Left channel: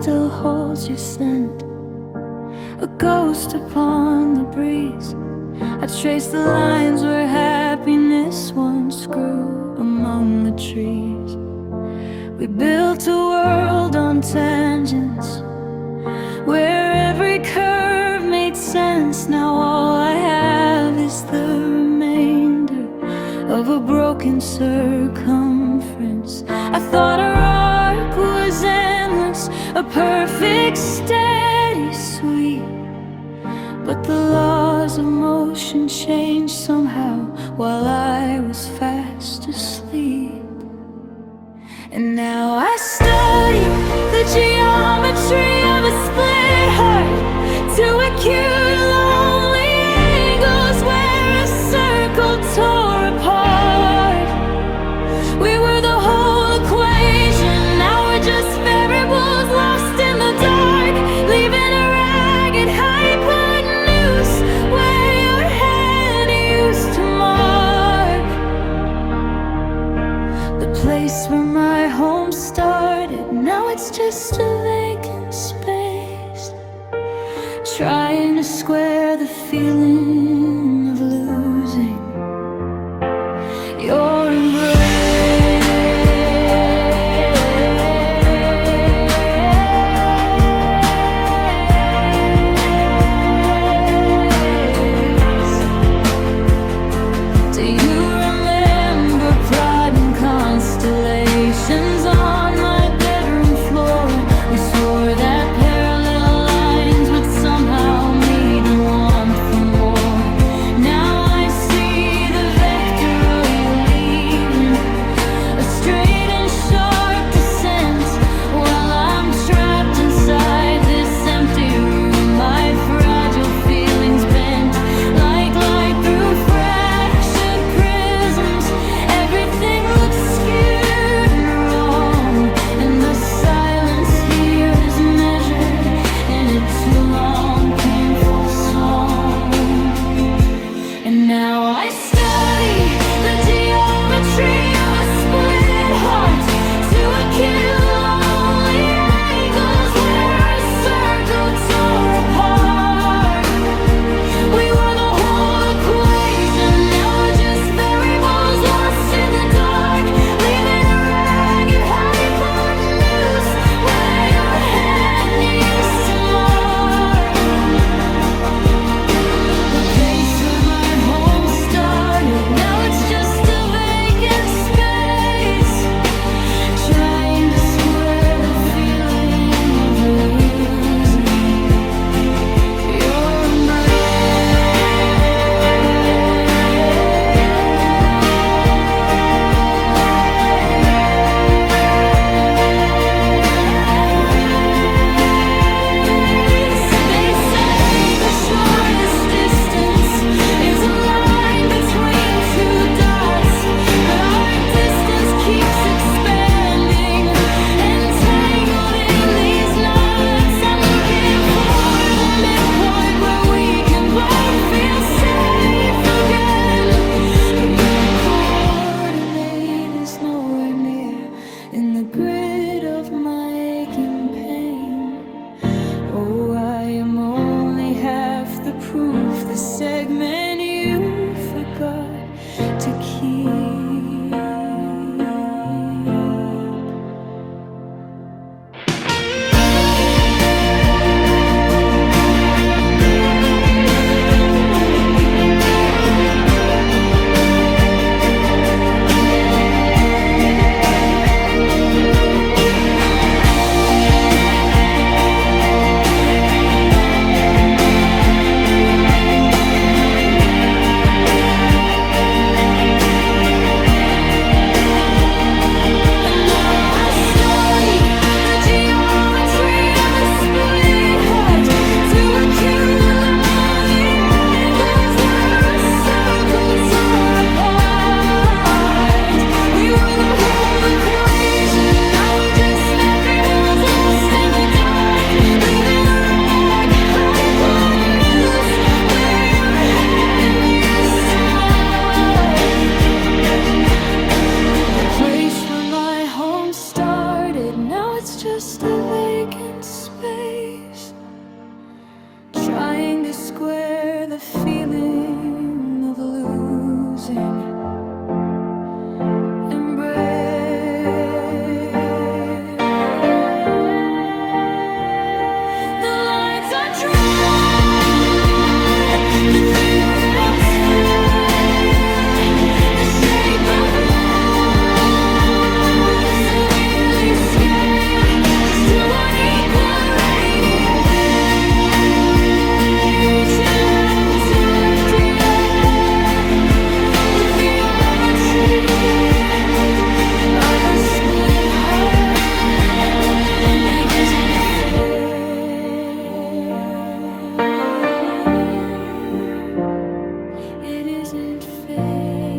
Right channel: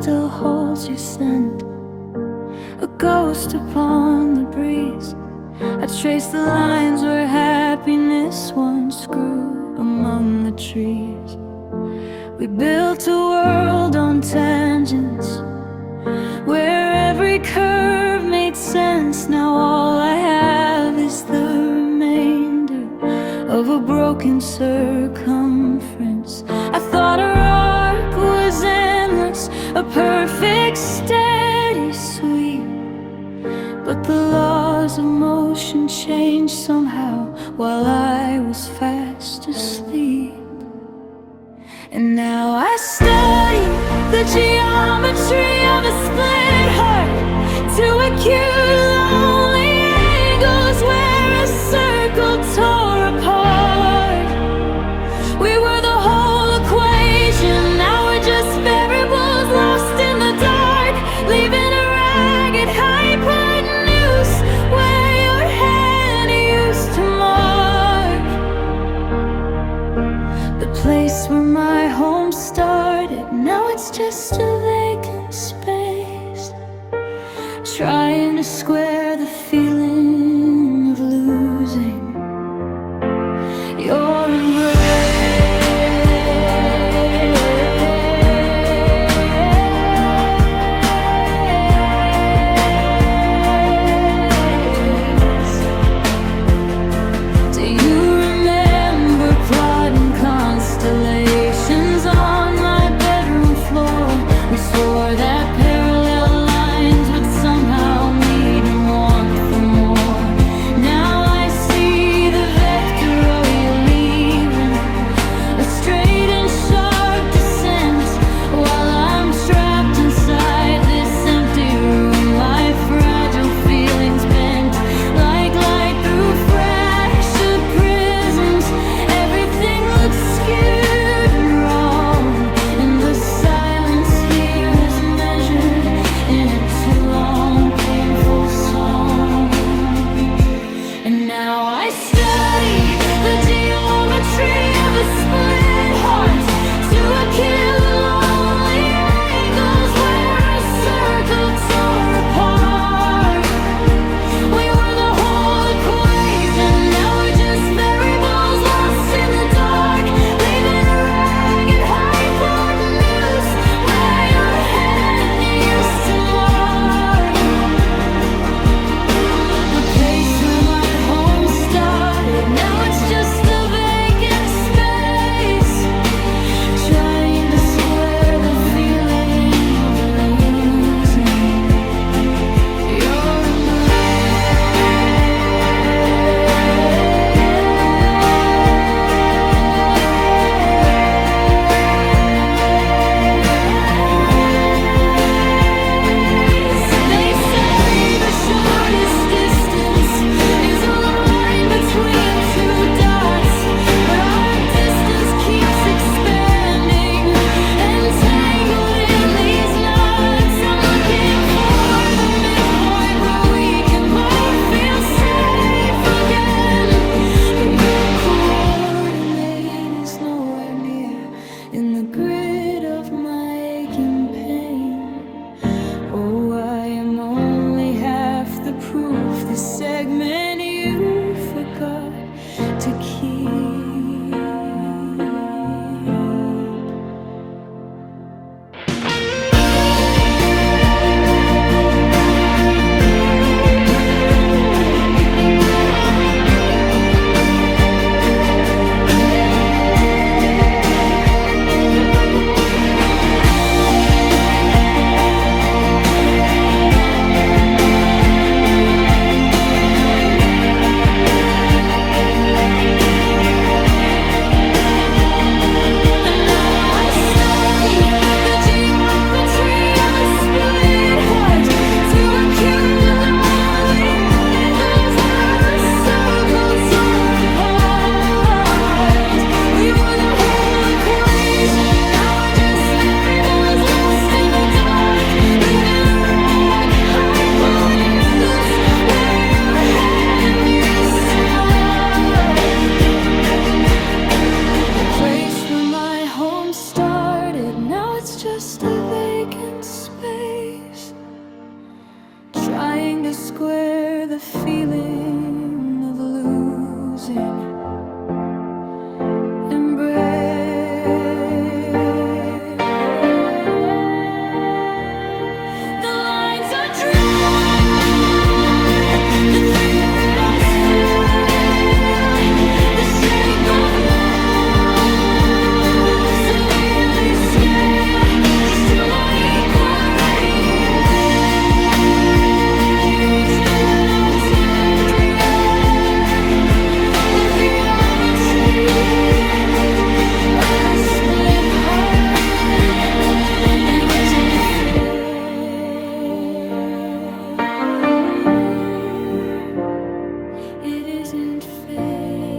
still holds your scent, a ghost upon the breeze. I trace the lines where happiness once grew among the trees. We built a world on tangents where every curve made sense. Now all I have is the remainder of a broken circumference. I thought our arc was endless, a perfect steady sweep, but the laws of motion changed somehow while I was fast asleep. And now I study the geometry of a split heart, to acute lonely angles where a circle tore apart. We were the whole equation, now we're just variables lost in the dark, leaving a ragged hypotenuse where your hand used to mark. The place where my home started, now it's just a vacant space, trying to square the feeling of losing your embrace. Do you remember plotting constellations on my bedroom floor? We swore that parallel lines would somehow meet and want for more. Now I see the vector of you leaving, a straight and sharp descent, while I'm trapped inside this empty room. My fragile feelings bent like light through fractured prisms. Everything looks skewed and wrong, and the silence here is measured in a too long, painful song. And now I study the geometry of a split heart, to acute lonely angles where a circle tore apart. We were the whole equation, now we're just variables lost in the dark, leaving a ragged hypotenuse where your hand used to mark. The place where my home started, now it's just a vacant space, trying to square the feeling of losing your embrace. They say the shortest distance is a line between two dots, but our distance keeps expanding, entangled in these knots. I'm looking for the midpoint where we can both feel safe again, but your coordinate is nowhere near in the grid of my aching pain. Oh, I am only half the proof, the segment you forgot to keep. trying to square the feeling of losing. Embrace. The lines are drawn, the theorems failed, the shape of life severely scaled, just to unequal radiation out to empty air. The theometry of a split heart, it isn't fair. It isn't fair.